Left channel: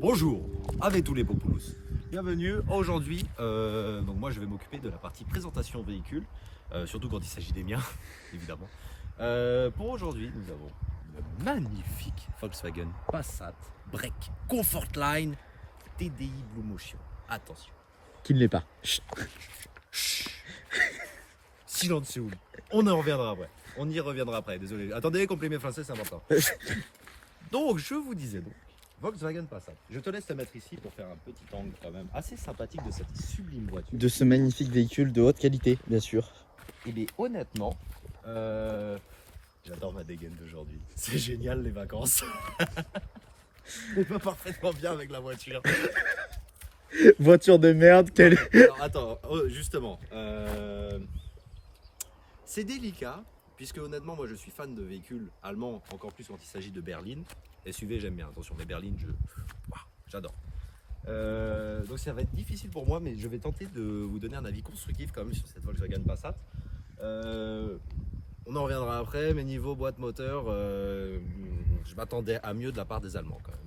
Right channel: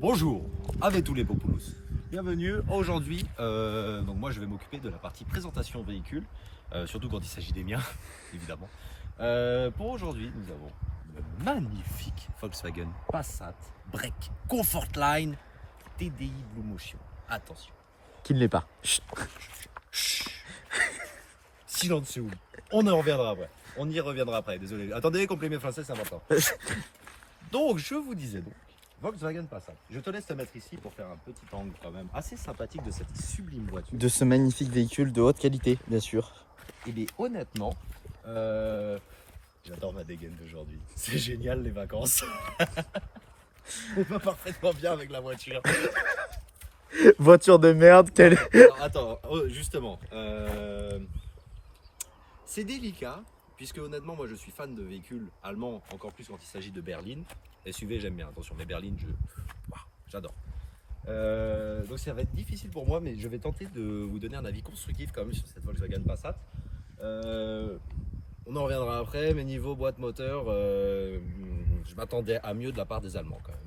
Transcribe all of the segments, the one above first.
Bonjour, avec tous les popoulos. Bienvenue aujourd'hui. Donc moi je vais m'occuper de la partie présentation véhicule, surtout quand il s'agit des miens, évidemment. Pour aujourd'hui, nous avons le magnifique Volkswagen Passat Break Comfortline TDI Blue Motion. Attention. Qui ne l'est pas. Chut. Silence, on en reviendra après. On y reviendra après, désolé. Attendez, complément français, c'est important. Donc, je vous disais donc, Volkswagen Passat. Je te laisse te mettre ici pour faire un petit angle quand même assez sympathique de cette sublime voiture. De ce magnifique véhicule de haute qualité, bien sûr. Et honnêtement, j'adore ma dégaine d'aujourd'hui. C'est génial les vacances. On va parfaitement bien avec la voiture. Voiture de merde, quelle... Alors, attends, justement, c'est délicat, puisque honnêtement, moi je suis fan de véhicules allemands, encore plus quand il s'agit de berline. SUV, j'aime bien, attention, mais berline, j'adore. Donc ça va être difficile pour moi, mais je vais tenter de vous donner un avis constructif quand même sur cette Volkswagen Passat. On en reviendra après, mais niveau boîte moteur, je m'attendais à mieux de la part des Allemands quand même.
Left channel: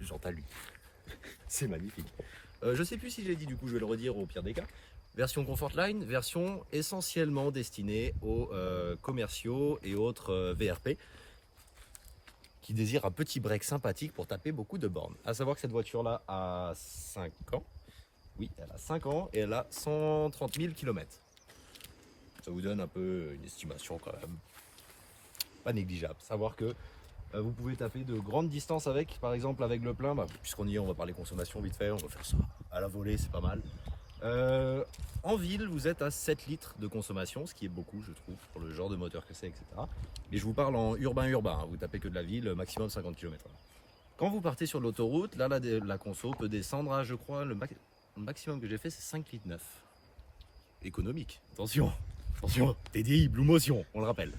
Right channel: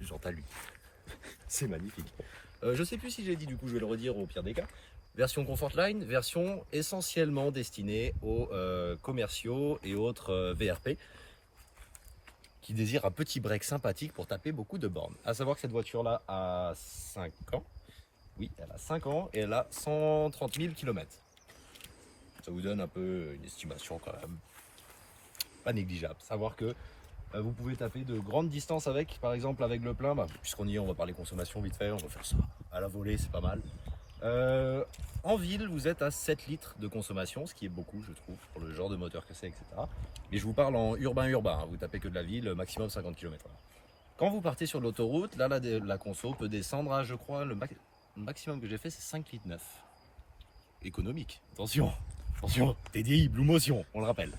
J'entends lui. C'est magnifique. Je sais plus si j'ai dit, du coup je vais le redire au pire des cas. Version Comfortline, version essentiellement destinée aux commerciaux et autres VRP qui désirent un petit break sympathique pour taper beaucoup de bornes. A savoir que cette voiture-là a 5 ans. Oui, elle a 5 ans et elle a 130 000 km. Ça vous donne un peu une estimation quand même pas négligeable. Savoir que vous pouvez taper de grandes distances avec, par exemple avec le plein, puisqu'on y est, on va parler consommation vite fait, on va faire ça à la volée, c'est pas mal. En ville, vous êtes à 7 litres de consommation, ce qui est beaucoup, je trouve, pour le genre de moteur que c'est, etc. Mais je vous parle en urbain, hein, vous tapez que de la ville, maximum 50 km/h. Quand vous partez sur l'autoroute, là, la conso peut descendre à, je crois, le maximum que j'ai fait, c'est 5 litres 9. Économique, attention, TDI, Blue Motion, on le rappelle.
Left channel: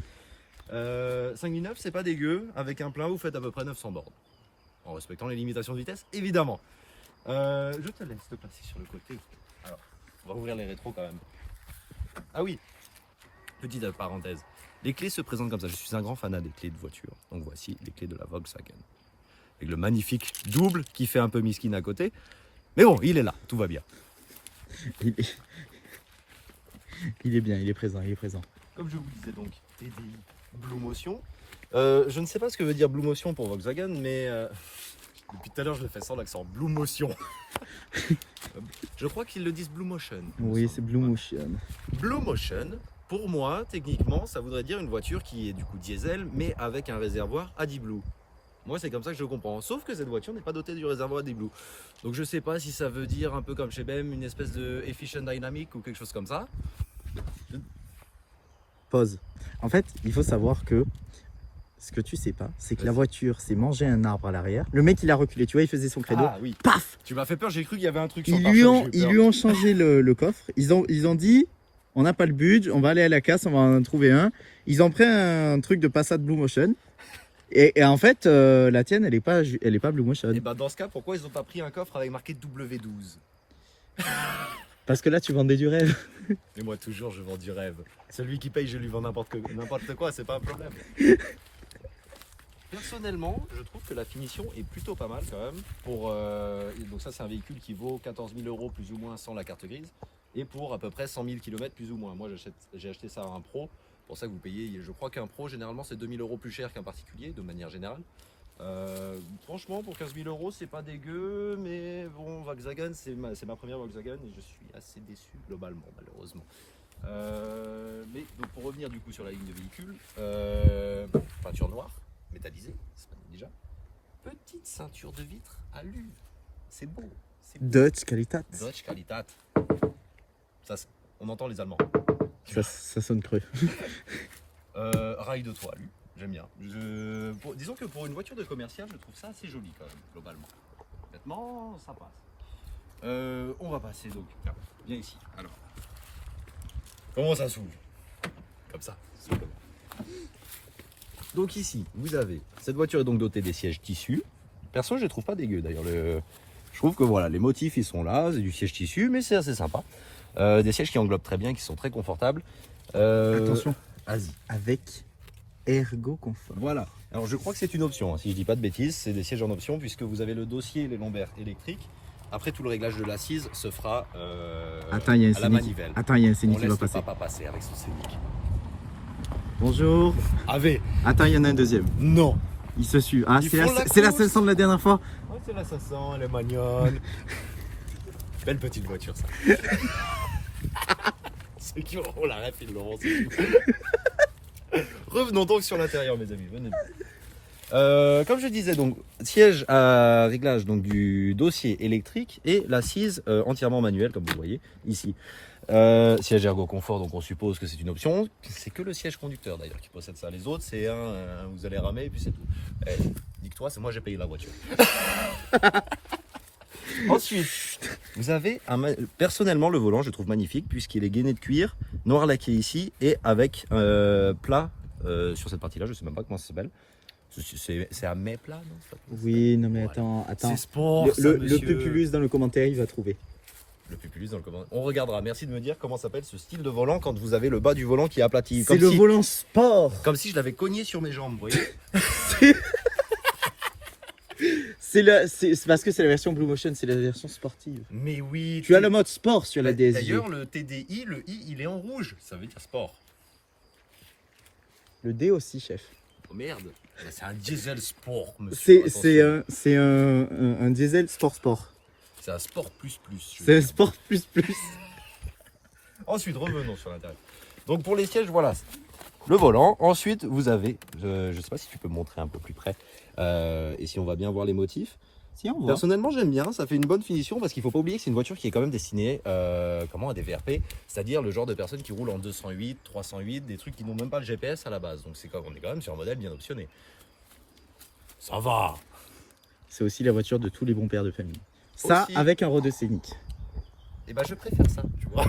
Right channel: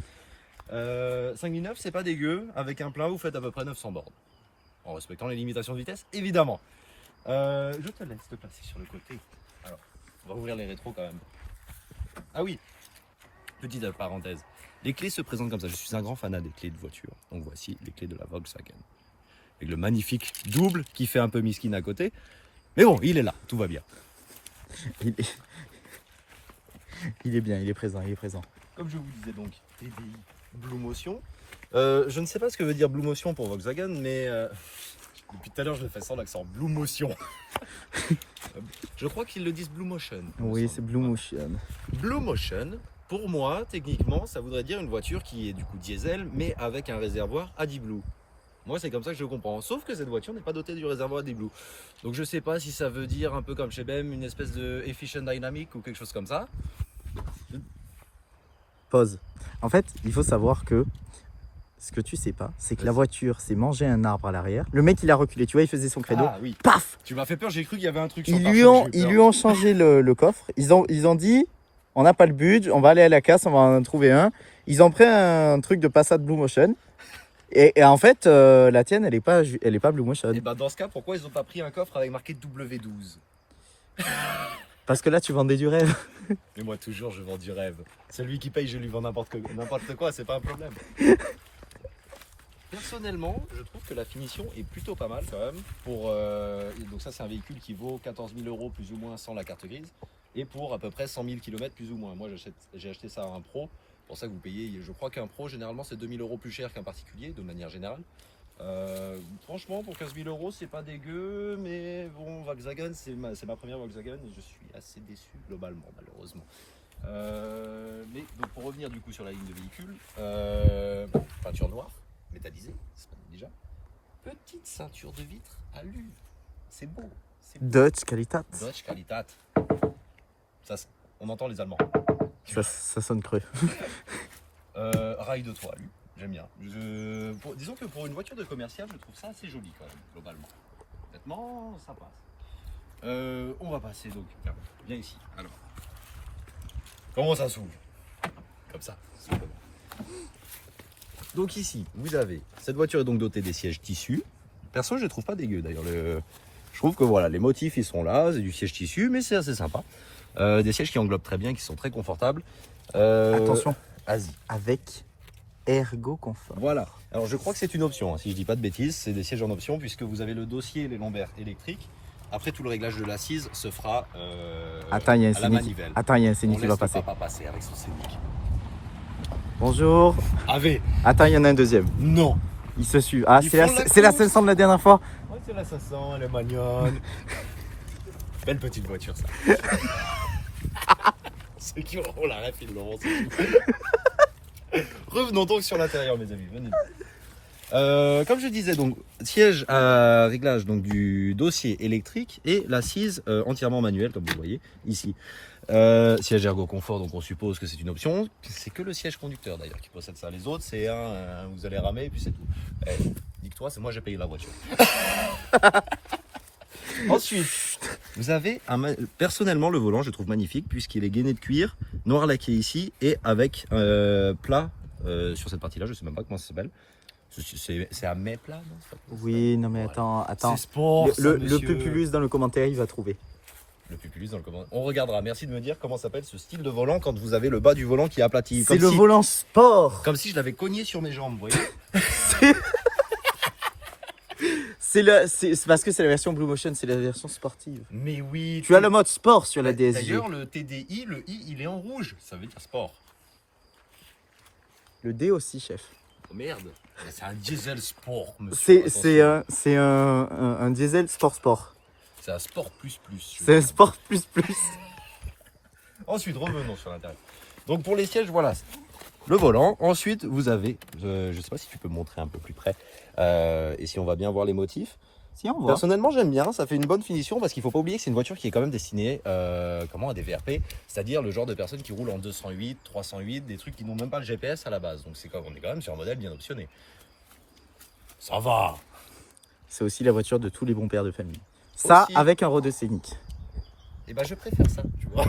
5,9 c'est pas dégueu, avec un plein vous faites à peu près 900 bornes. En respectant les limitations de vitesse, évidemment. Je te laisse te passer sur le côté. Alors, on va ouvrir les rétros quand même. Ah oui, petite parenthèse. Les clés se présentent comme ça, je suis un grand fanat des clés de voiture. Donc voici les clés de la Volkswagen. Avec le magnifique double qui fait un peu miskin à côté. Mais bon, il est là, tout va bien. Il est bien, il est présent, Comme je vous disais donc, TDI Blue Motion. Je ne sais pas ce que veut dire Blue Motion pour Volkswagen, mais depuis tout à l'heure je me fais sans l'accent. Blue Motion. Je crois qu'ils le disent Blue Motion. Oui, c'est Blue Motion. Blue Motion, pour moi, techniquement, ça voudrait dire une voiture qui est du coup diesel, mais avec un réservoir AdBlue. Moi, c'est comme ça que je le comprends. Sauf que cette voiture n'est pas dotée du réservoir AdBlue. Donc je sais pas si ça veut dire un peu comme chez BM, une espèce de Efficient Dynamic ou quelque chose comme ça. Pause. En fait, il faut savoir que ce que tu sais pas, c'est que la voiture s'est mangé un arbre à l'arrière. Le mec, il a reculé, tu vois, il faisait son credo. Ah oui. Paf! Tu m'as fait peur, j'ai cru qu'il y avait un truc sur Ils lui ont changé le coffre. Ils ont dit, on n'a pas le budget, on va aller à la casse, on va en trouver un. Ils ont pris un truc de Passat Blue Motion. Et en fait, la tienne, elle est pas Blue Motion. Et bah dans ce cas, pourquoi ils n'ont pas pris un coffre avec marqué W12? Parce que là, tu vendais du rêve. Mais moi toujours je vends du rêve. Celui qui paye, je lui vends n'importe quoi, c'est pas un problème. Personnellement, je trouve que la finition est plutôt pas mal quand même. Donc ça c'est un véhicule qui vaut 14 000 € plus ou moins sans la carte grise. Et pour à peu près 100 000 km plus ou moins. Moi j'ai acheté ça à un pro. Pour ça que vous payez, je crois qu'un pro généralement c'est 2 000 € plus cher qu'un particulier de manière générale. Franchement pour 15 000 € c'est pas dégueu, mais bon Volkswagen c'est ma première Volkswagen et je suis assez déçu globalement malheureusement. Mais donc pour revenir du coup sur la ligne de véhicule, peinture noire, métallisée, c'est pas déjà. Petite ceinture de vitre à l'huile, c'est beau. Dutch Qualitat. Dutch Qualitat. Ça, on entend les Allemands. Ça sonne creux. Rail de toit, lui. J'aime bien. Disons que pour une voiture de commercial, je trouve ça assez joli quand même, globalement. Honnêtement, ça passe. On va passer donc. Tiens, viens ici. Alors, comment ça s'ouvre? Comme ça. Simplement. Donc ici, vous avez cette voiture est donc dotée des sièges tissus. Perso, je les trouve pas dégueux d'ailleurs. Je trouve que voilà, les motifs ils sont là, c'est du siège tissu, mais c'est assez sympa. Des sièges qui englobent très bien, qui sont très confortables. Attention, Vas-y. avec Ergo Confort. Voilà. Alors je crois que c'est une option, hein. Si je dis pas de bêtises, c'est des sièges en option puisque vous avez le dossier et les lombaires électriques. Après tout le réglage de l'assise se fera Attends, il y a un à la Scénic. manivelle. Attends, il y a un On Scénic qui laisse va le passer. papa passer avec son Scénic. Bonjour. Ave. Attends, il y en a un deuxième. Non. Il se suit. Ah, Ils c'est la, font la c'est la course. 500 de la dernière fois. Ouais, c'est la 500, elle est mignonne. Belle petite voiture ça. Ceux qui auront la ref, ils l'auront. Revenons donc sur l'intérieur, mes amis. Venez. Comme je disais, donc siège à réglage donc, du dossier électrique et l'assise entièrement manuelle, comme vous voyez ici. Siège ergo confort, donc on suppose que c'est une option. C'est que le siège conducteur d'ailleurs qui possède ça. Les autres, c'est vous allez ramer et puis c'est tout. Dis-toi, c'est moi j'ai payé la voiture. Ensuite, vous avez personnellement le volant, je le trouve magnifique puisqu'il est gainé de cuir, noir laqué ici et avec plat sur cette partie-là. Je sais même pas comment ça s'appelle. C'est un mai plat, non? Oui, non mais attends. C'est sport. Le Pupulus dans le commentaire, il va trouver. Le Pupulus dans le commentaire. On regardera. Merci de me dire comment s'appelle ce style de volant quand vous avez le bas du volant qui est aplati. C'est Comme le si- volant sport. Comme si je l'avais cogné sur mes jambes, vous voyez. C'est parce que c'est la version Blue Motion, c'est la version sportive. Mais oui. Tu as le mode sport sur la DSG. D'ailleurs, le TDI, le I, il est en rouge. Ça veut dire sport. Le D aussi, chef. Oh merde. C'est un diesel sport, monsieur. C'est un diesel sport. C'est un sport plus. C'est un sport plus. Ensuite, revenons sur l'intérieur. Donc pour les sièges, voilà. Le volant. Ensuite, vous avez, je ne sais pas si tu peux me montrer un peu plus près, et si on va bien voir les motifs. Si on voit. Personnellement, j'aime bien, ça fait une bonne finition parce qu'il ne faut pas oublier que c'est une voiture qui est quand même destinée à des VRP, c'est-à-dire le genre de personnes qui roulent en 208, 308, des trucs qui n'ont même pas le GPS à la base. Donc on est quand même sur un modèle bien optionné. Ça va. C'est aussi la voiture de tous les bons pères de famille. Ça, Aussi. avec un Renault Scénic. Et ben je préfère ça, tu vois.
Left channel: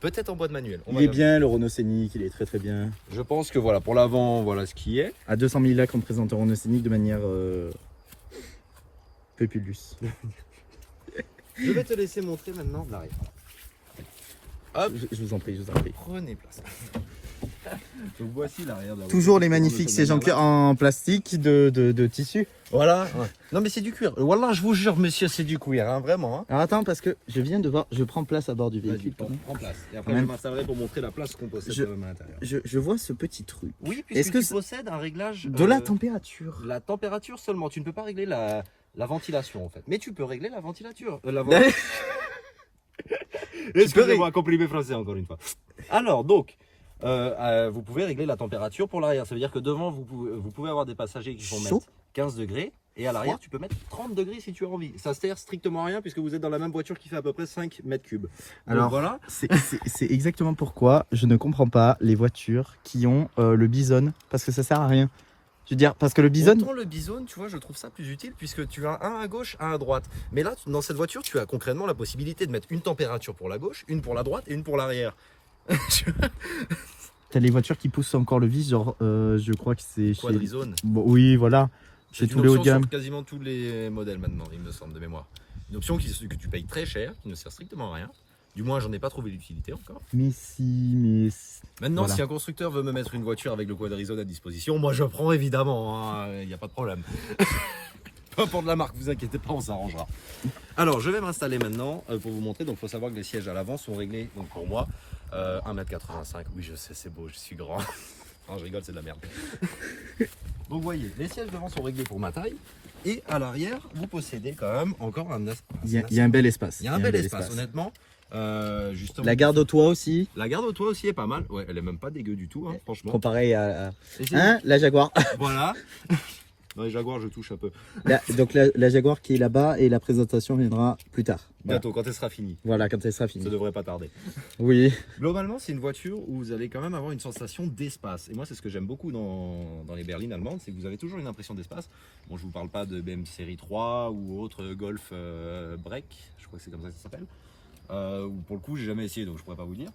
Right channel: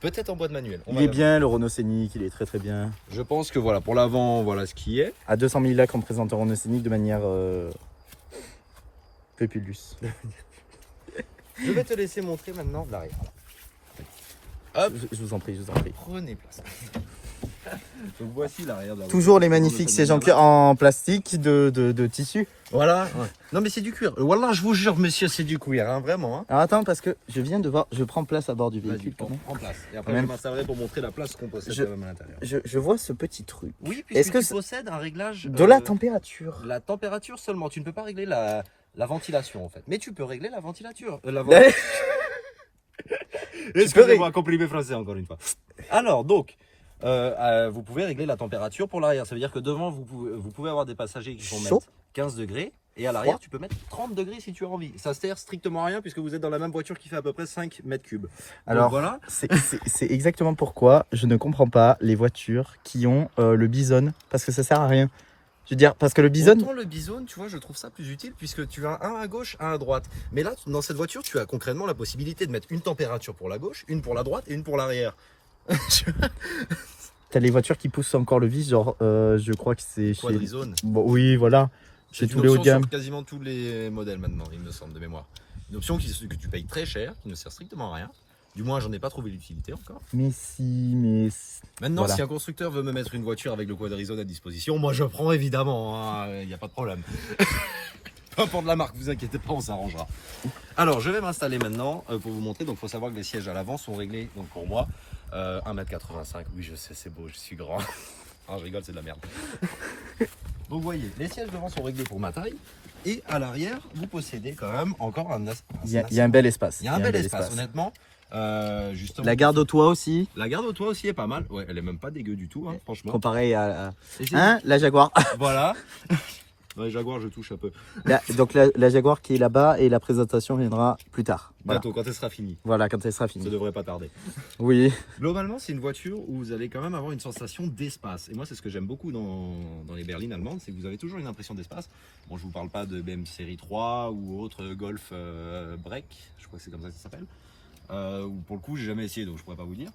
Peut-être en boîte manuelle. On Il va est regarder. bien, le Renault Scénic, il est très bien. Je pense que voilà, pour l'avant, voilà ce qui est. À 200 000 lacs, on présente un Renault Scénic de manière Pupulus. Je vais te laisser montrer maintenant l'arrière. Hop, Je vous en prie. prenez place. Donc voici l'arrière de la Toujours les voiture. magnifiques sièges en plastique de tissu. Voilà. Ouais. Non mais c'est du cuir. Voilà, je vous jure, monsieur, c'est du cuir, hein, vraiment. Hein. Alors attends, parce que je viens de voir, je prends place à bord du Vas-y, véhicule. en place. Et après, Quand même. je m'installerai pour montrer la place qu'on possède quand même à l'intérieur. Je vois ce petit truc. Oui, Est-ce que tu c'est- possèdes un réglage De la température. la température seulement. Tu ne peux pas régler la ventilation en fait. Mais tu peux régler la ventilation. Excusez-moi, complimé français encore une fois. Alors donc, vous pouvez régler la température pour l'arrière. Ça veut dire que devant, vous pouvez avoir des passagers qui vont Chaud. mettre 15 degrés. Et à l'arrière, tu peux mettre 30 degrés si tu as envie. Ça sert strictement à rien puisque vous êtes dans la même voiture qui fait à peu près 5 mètres cubes. Alors, Donc voilà. c'est exactement pourquoi je ne comprends pas les voitures qui ont le Bison, parce que ça sert à rien. Je veux dire, parce que le Bison, Autant le Bison, tu vois, je trouve ça plus utile puisque tu as un à gauche, un à droite. Mais là, dans cette voiture, tu as concrètement la possibilité de mettre une température pour la gauche, une pour la droite et une pour l'arrière. t'as les voitures qui poussent encore le vis, genre, je crois que c'est chez... Quadrizone. Bon, oui, voilà, chez C'est tous une les hauts de option gamme. sur quasiment tous les modèles maintenant, il me semble, de mémoire. Une option que tu payes très cher, qui ne sert strictement à rien. Du moins, j'en ai pas trouvé l'utilité encore. Mais si. Maintenant, Voilà. si un constructeur veut me mettre une voiture avec le Quadrizone à disposition, moi je prends évidemment, il n'y a pas de problème. Peu importe la marque, vous inquiétez pas, on s'arrangera. Alors, je vais m'installer maintenant pour vous montrer. Donc, il faut savoir que les sièges à l'avant sont réglés, donc pour moi, 1m85. Oui, je sais, c'est beau, je suis grand. Non, je rigole, c'est de la merde. Vous voyez, les sièges devant sont réglés pour ma taille. Et à l'arrière, vous possédez quand même encore un Il y a un bel espace. Il y a un bel espace, honnêtement. Justement, La garde au toit aussi, la garde au toit aussi est pas mal. Ouais, elle est même pas dégueu du tout, hein, franchement. comparé à... Et c'est- Hein, la Jaguar. Voilà. Dans les Jaguars, je touche un peu. Donc la Jaguar qui est là-bas et la présentation viendra plus tard. Voilà, Bientôt, quand elle sera finie. Voilà, quand elle sera Ça finie. devrait pas tarder. Oui. Globalement, c'est une voiture où vous allez quand même avoir une sensation d'espace. Et moi, c'est ce que j'aime beaucoup dans les berlines allemandes, c'est que vous avez toujours une impression d'espace. Bon, je vous parle pas de BM série 3 ou autre Golf Break, je crois que c'est comme ça que ça s'appelle. Ou pour le coup, j'ai jamais essayé, donc je pourrais pas vous dire.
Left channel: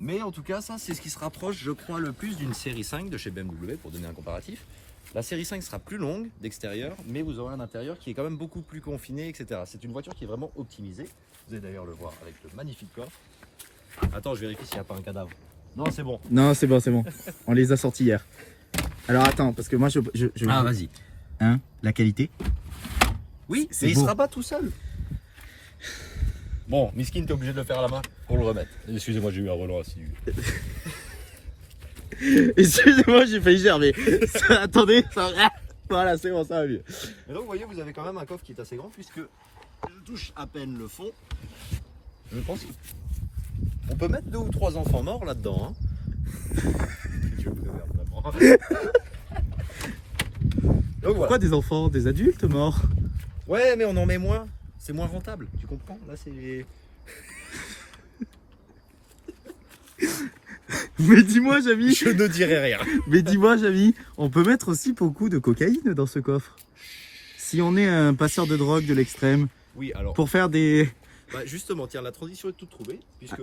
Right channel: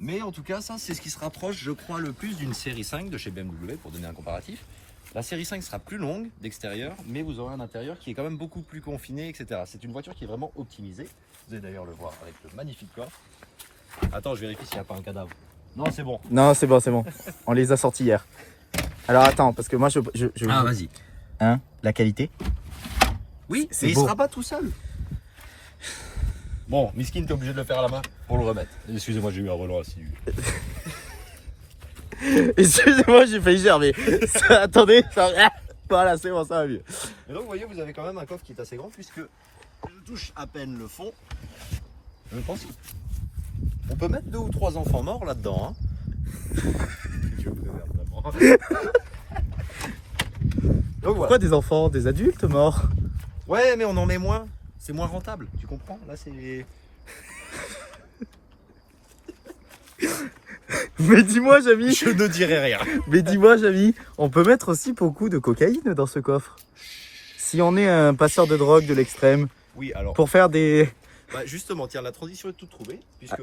Mais en tout cas, ça, c'est ce qui se rapproche, je crois, le plus d'une série 5 de chez BMW, pour donner un comparatif. La série 5 sera plus longue d'extérieur, mais vous aurez un intérieur qui est quand même beaucoup plus confiné, etc. C'est une voiture qui est vraiment optimisée. Vous allez d'ailleurs le voir avec le magnifique coffre. Attends, je vérifie s'il n'y a pas un cadavre. Non, c'est bon. Non, c'est bon, c'est bon. On les a sortis hier. Alors attends, parce que moi je... Ah, vas-y. Hein, la qualité. Oui, c'est mais il beau. sera pas tout seul. Bon, Miskin, t'es obligé de le faire à la main pour le remettre. Excusez-moi, j'ai eu un relent assidu. Excusez-moi, j'ai failli germer. Attendez, voilà, c'est bon, ça va mieux. Mais donc, vous voyez, vous avez quand même un coffre qui est assez grand puisque je touche à peine le fond. Je pense qu'on peut mettre 2 ou 3 enfants morts là-dedans. Hein. Donc, Pourquoi des enfants, des adultes morts? Ouais, mais on en met moins. C'est moins rentable, tu comprends? Là, c'est... Mais dis-moi, Jamy. Je ne dirai rien. Mais dis-moi, Jamy, on peut mettre aussi beaucoup de cocaïne dans ce coffre. Si on est un passeur de drogue de l'extrême, Oui, alors... pour faire des... Bah justement, tiens, la transition est toute trouvée, puisque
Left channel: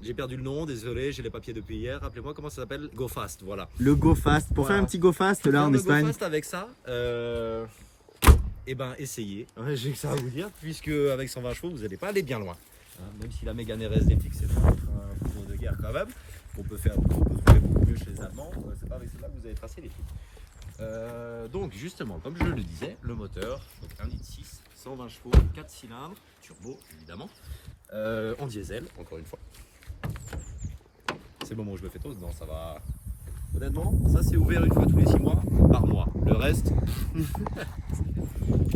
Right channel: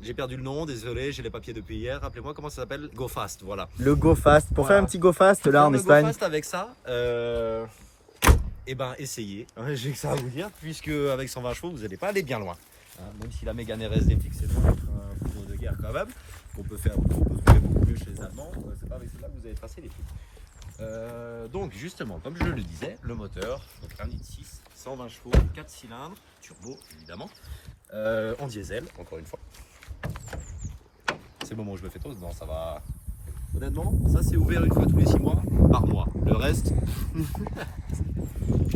j'ai perdu le nom, désolé, j'ai les papiers depuis hier. Rappelez-moi comment ça s'appelle? Go Fast, voilà. Le Go Fast. Pour Voilà. faire un petit Go Fast là en Le Espagne. Go Fast avec ça, et ben essayez. Ouais, j'ai que ça à vous dire, puisque avec 120 chevaux, vous n'allez pas aller bien loin. Hein, même si la Mégane RS DTX c'est pas un couteau de guerre quand même, qu'on peut trouver beaucoup mieux chez les Allemands, c'est pas avec celle-là que vous allez tracer les trucs. Donc justement, comme je le disais, le moteur, donc 1,6 120 chevaux, 4 cylindres, turbo évidemment, en diesel, encore une fois. C'est le moment où je me fais tôt, non ça va. Honnêtement, ça c'est ouvert une fois tous les 6 mois par mois. Le reste,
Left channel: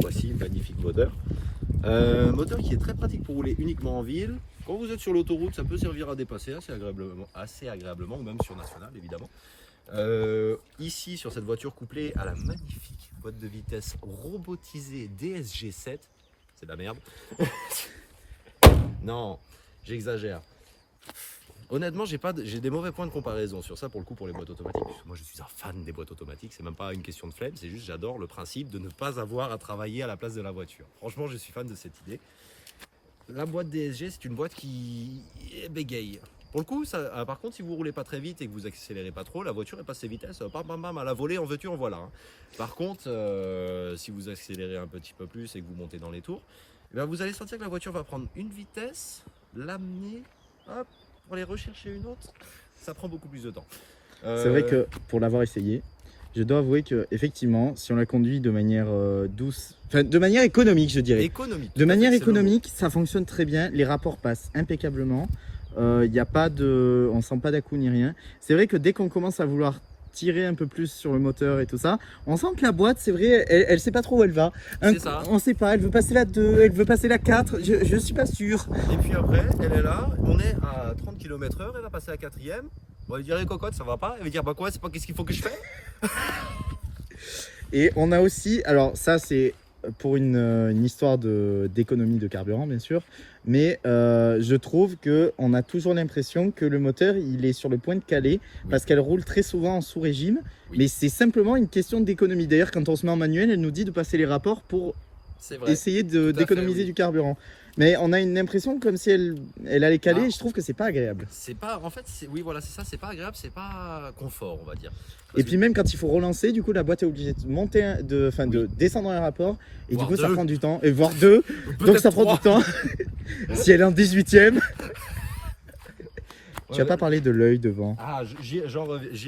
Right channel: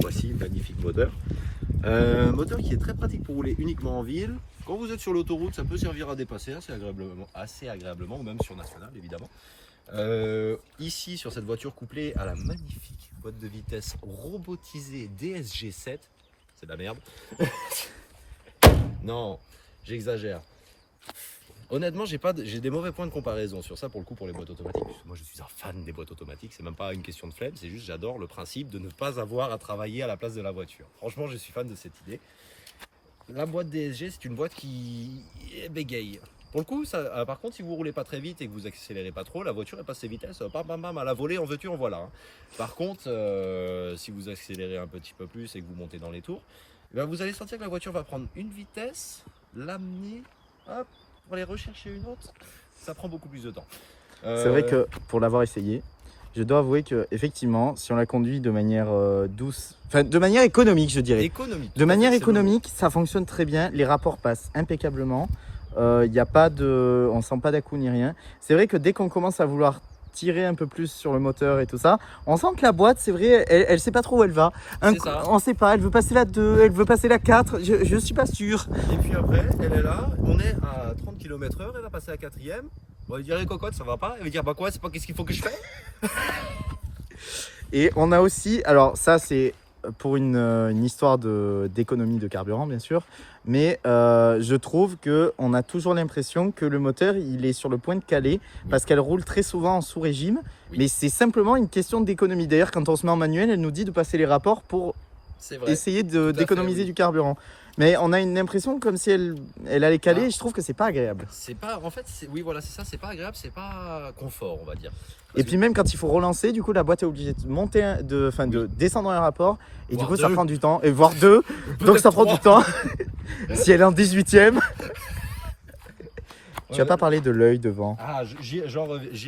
voici une magnifique moteur. Moteur qui est très pratique pour rouler uniquement en ville. Quand vous êtes sur l'autoroute, ça peut servir à dépasser assez agréablement, ou même sur national évidemment. Ici sur cette voiture couplée à la magnifique boîte de vitesse robotisée DSG7, c'est de la merde. Non, j'exagère. Honnêtement, j'ai des mauvais points de comparaison sur ça pour le coup pour les boîtes automatiques. Moi, je suis un fan des boîtes automatiques. C'est même pas une question de flemme, c'est juste j'adore le principe de ne pas avoir à travailler à la place de la voiture. Franchement, je suis fan de cette idée. La boîte DSG, c'est une boîte qui bégaye. Pour le coup, ça, par contre, si vous roulez pas très vite et que vous accélérez pas trop, la voiture elle passe ses vitesses, bam bam bam, à la volée, en veux-tu, en voilà. Hein. Par contre, si vous accélérez un petit peu plus et que vous montez dans les tours, eh bien, vous allez sentir que la voiture va prendre une vitesse, l'amener, hop, pour aller rechercher une autre, ça prend beaucoup plus de temps. C'est vrai que pour l'avoir essayé, je dois avouer que effectivement, si on la conduit de manière douce, enfin de manière économique, je dirais. De manière économique, ça fonctionne très bien. Les rapports passent impeccablement. Il y a pas de, on sent pas d'à-coup ni rien. C'est vrai que dès qu'on commence à vouloir tirer un peu plus sur le moteur et tout ça, on sent que la boîte, c'est vrai, elle sait pas trop où elle va. On sait pas, elle veut passer la 2, elle veut passer la 4, je suis pas sûr. Et puis après, elle est là, on est à 30 km/h, elle va passer à 4ème. On va lui dire, les cocottes, ça va pas. Elle va dire, bah quoi, c'est pas qu'est-ce qu'il faut que je fais. Et on a aussi, alors ça c'est pour une histoire d'économie de carburant bien sûr, mais je trouve qu'on a toujours l'impression que le moteur il est sur le point de caler parce qu'elle roule très souvent en sous-régime, mais c'est simplement une question d'économie. D'ailleurs quand on se met en manuel, elle nous dit de passer les rapports pour essayer d'économiser du carburant. Mais on a une impression comme si elle allait caler et je trouve que c'est pas agréable. C'est pas, en fait, oui voilà, c'est ça, c'est pas agréable, c'est pas confort on va dire. Et puis même quand il faut relancer, du coup la boîte est obligée de monter, de descendre un rapport et du coup ça prend du temps, et voire 2, donc ça prend du temps. Si elle est en 18ème. Tu n'as pas parlé de l'œil devant. Ah, j'y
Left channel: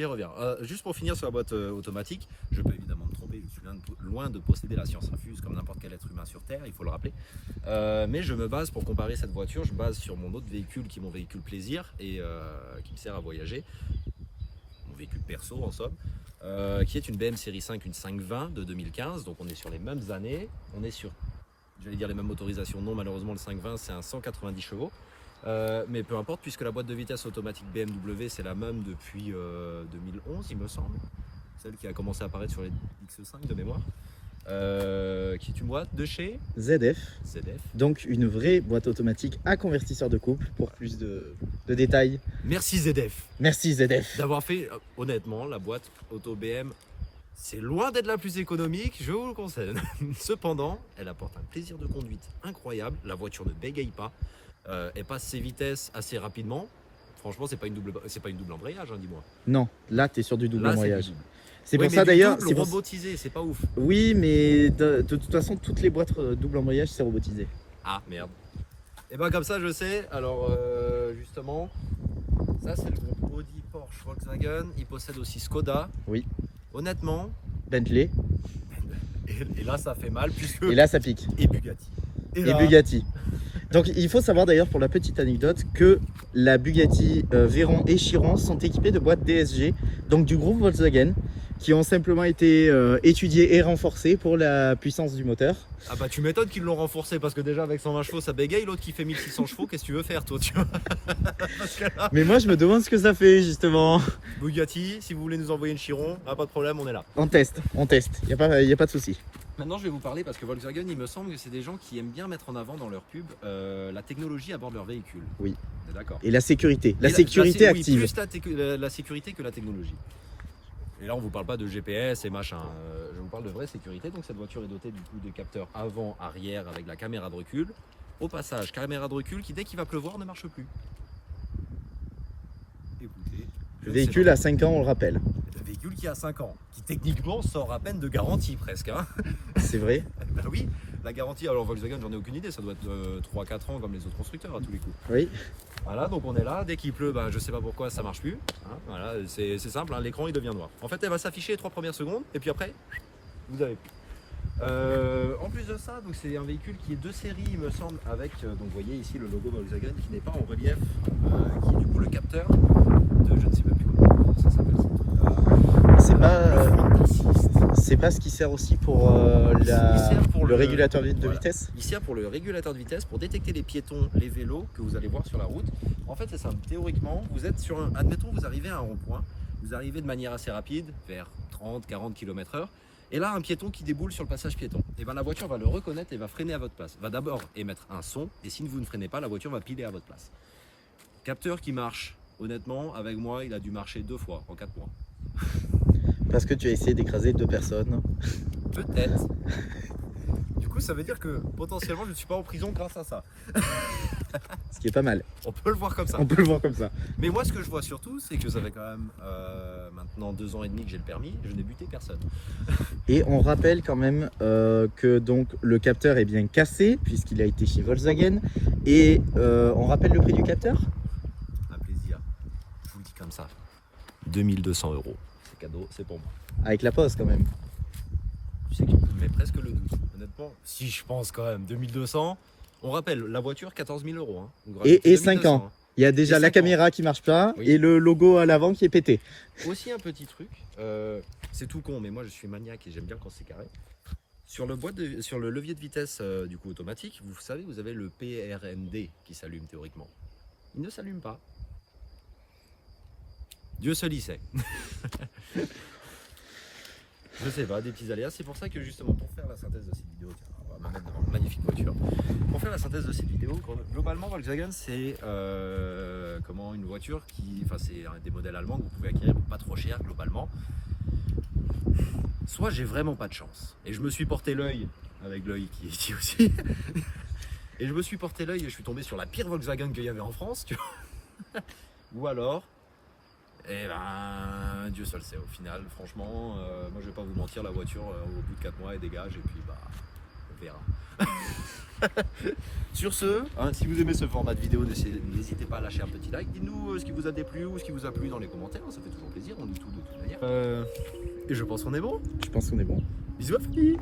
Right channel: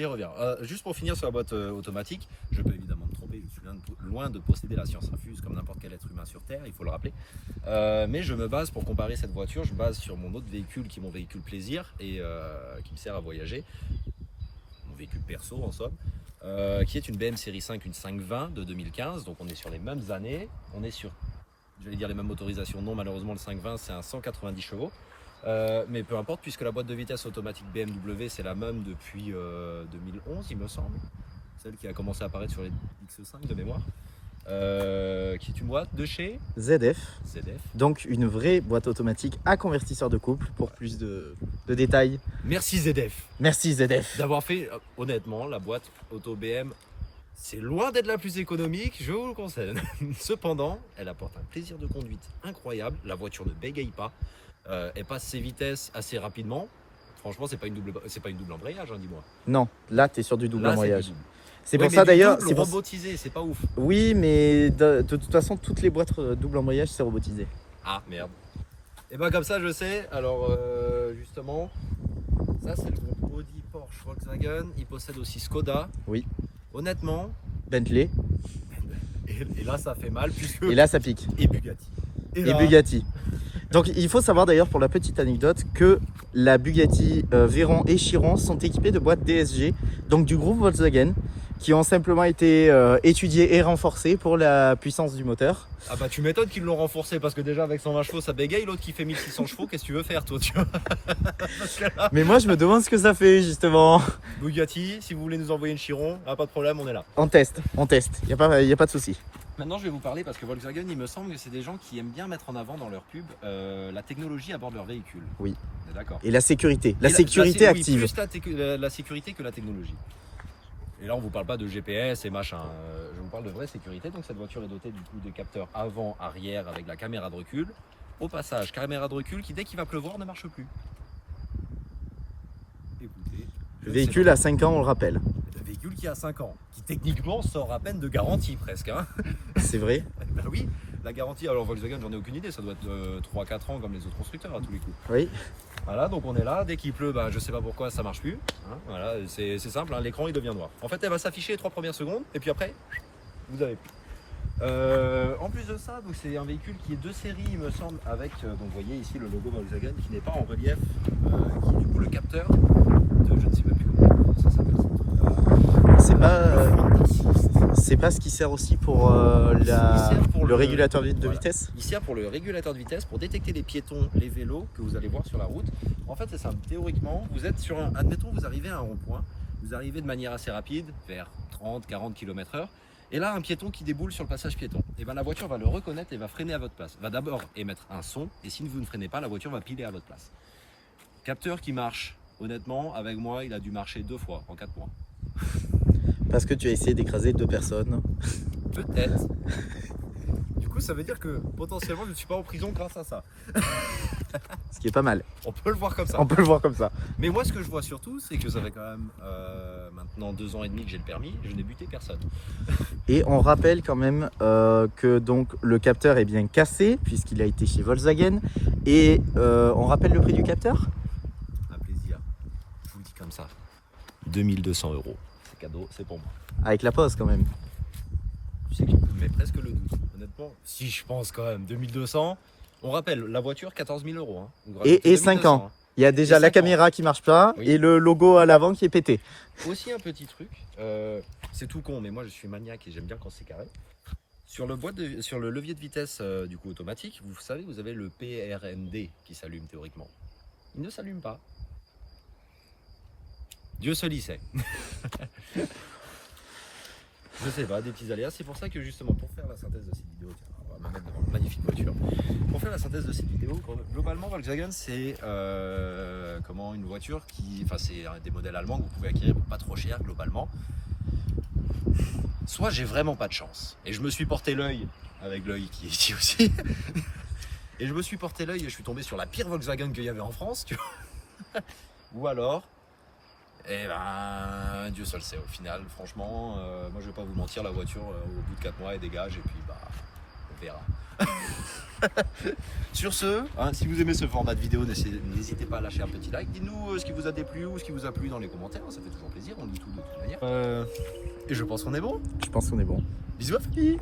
reviens. Juste pour finir sur la boîte automatique, je peux évidemment me tromper, je suis loin de posséder la science infuse comme n'importe quel être humain sur Terre, il faut le rappeler. Mais je me base, pour comparer cette voiture, je base sur mon autre véhicule qui est mon véhicule plaisir et qui me sert à voyager. Mon véhicule perso en somme. Qui est une BM série 5, une 520 de 2015, donc on est sur les mêmes années, on est sur, je vais dire les mêmes motorisations, non malheureusement le 520 c'est un 190 chevaux. Mais peu importe, puisque la boîte de vitesse automatique BMW c'est la même depuis 2011 il me semble, celle qui a commencé à apparaître sur les X5 de mémoire, qui est une boîte de chez ZF. Donc une vraie boîte automatique à convertisseur de couple pour plus de détails. Merci ZF. Merci ZF. D'avoir fait, honnêtement, la boîte auto BM, c'est loin d'être la plus économique, je vous le conseille. Cependant, elle apporte un plaisir de conduite incroyable, la voiture ne bégaye pas. Elle passe ses vitesses assez rapidement. Franchement, c'est pas une double embrayage, hein, dis-moi. Non, là, tu es sur du double embrayage. C'est ouais, pour ça d'ailleurs. C'est robotisé, c'est pas ouf. Oui, mais de toute façon, toutes les boîtes double embrayage, c'est robotisé. Ah, merde. Et ben comme ça je sais, alors justement, ça c'est le groupe Audi, Porsche, Volkswagen, ils possèdent aussi Skoda. Oui. Honnêtement, Bentley. et là ça fait mal puisque... Et là, ça pique. Et Bugatti. Et là, Bugatti. Donc il faut savoir d'ailleurs pour la petite anecdote que la Bugatti Veyron et Chiron sont équipés de boîtes DSG, donc du groupe Volkswagen, qui ont simplement été étudiées et renforcées pour la puissance du moteur. Ah bah tu m'étonnes qu'ils l'ont renforcé parce que déjà avec 120 chevaux ça bégaye, l'autre qui fait 1600 chevaux, qu'est-ce que tu veux faire toi, tu vois? Parce que là, Mais moi je me demande ce que ça fait justement. Bugatti, si vous voulez nous envoyer une Chiron, pas de problème, on est là. On teste, il n'y a pas de souci. Maintenant je vais vous parler parce que Volkswagen il me semble que c'est des gens qui aiment bien mettre en avant dans leur pub la technologie à bord de leur véhicule. Oui. D'accord. Et la sécurité, la Et sécurité oui, active. plus la sécurité que la technologie. Et là on vous parle pas de GPS et machin, je vous parle de vraie sécurité. Donc cette voiture est dotée du coup des capteurs avant, arrière avec la caméra de recul. Au passage, caméra de recul qui dès qu'il va pleuvoir ne marche plus. Écoutez. Le véhicule a 5 ans, on le rappelle. Un véhicule qui a 5 ans, qui techniquement sort à peine de garantie presque. Hein. C'est vrai. Ben oui, la garantie, alors Volkswagen j'en ai aucune idée, ça doit être 3-4 ans comme les autres constructeurs à tous les coups. Oui. Voilà, donc on est là, dès qu'il pleut, ben, je sais pas pourquoi ça marche plus. Hein, voilà, c'est simple, hein, l'écran il devient noir. En fait elle va s'afficher les 3 premières secondes et puis après, vous avez plus. En plus de ça, donc c'est un véhicule qui est de série il me semble, avec, donc vous voyez ici le logo Volkswagen qui n'est pas en relief, qui est du coup le capteur de je ne sais même plus comment ça s'appelle. C'est pas ce qui sert aussi pour, le régulateur de voilà. vitesse. Il sert pour le régulateur de vitesse, pour détecter les piétons, les vélos que vous allez voir sur la route. En fait, c'est simple. Théoriquement, vous êtes sur un... Admettons, vous arrivez à un rond-point. Vous arrivez de manière assez rapide, vers 30-40 km/h. Et là, un piéton qui déboule sur le passage piéton. Et ben la voiture va le reconnaître et va freiner à votre place. Va d'abord émettre un son. Et si vous ne freinez pas, la voiture va piler à votre place. Capteur qui marche. Honnêtement, avec moi, il a dû marcher 2 fois en 4 mois. Parce que tu as essayé d'écraser 2 personnes. Peut-être. Du coup, ça veut dire que potentiellement, je ne suis pas en prison grâce à ça. Ce qui est pas mal. On peut le voir comme ça. On peut le voir comme ça. Mais moi, ce que je vois surtout, c'est que ça fait quand même maintenant 2 ans et demi que j'ai le permis et je n'ai buté personne. Et on rappelle quand même que donc le capteur est bien cassé puisqu'il a été chez Volkswagen. Et on rappelle le prix du capteur? Un plaisir. Je vous le dis comme ça. 2200 €. C'est cadeau, c'est pour moi. Avec la pause quand même. C'est qui me met presque le doute. Honnêtement, si je pense quand même 2200. On rappelle, la voiture 14 000 €. Hein. Vous rajoutez Et 5 ans. hein. Il y a déjà Et la 5 caméra qui marche pas Oui. et le logo à l'avant qui est pété. Aussi un petit truc, c'est tout con, mais moi je suis maniaque et j'aime bien quand c'est carré. Sur le levier de vitesse du coup automatique, vous savez, vous avez le PRND qui s'allume théoriquement. Il ne s'allume pas. Dieu seul y sait. Je sais pas, des petits aléas. C'est pour ça que justement pour faire la synthèse de cette vidéo, tiens, on va me mettre devant une magnifique voiture. Pour faire la synthèse de cette vidéo, globalement Volkswagen c'est une voiture qui, enfin c'est des modèles allemands que vous pouvez acquérir pour pas trop cher globalement. Soit j'ai vraiment pas de chance et je me suis porté l'œil avec l'œil qui est ici aussi. Et je me suis porté l'œil et je suis tombé sur la pire Volkswagen qu'il y avait en France, tu vois. Ou alors, eh ben, Dieu seul sait au final, franchement, moi je vais pas vous mentir, la voiture au bout de 4 mois elle dégage et puis bah, on verra. Sur ce, hein, si vous aimez ce format de vidéo, n'hésitez pas à lâcher un petit like, dites-nous ce qui vous a déplu ou ce qui vous a plu dans les commentaires, ça fait toujours plaisir, on dit tout de toute manière. Et je pense qu'on est bon. Je pense qu'on est bon. Bisous à famille.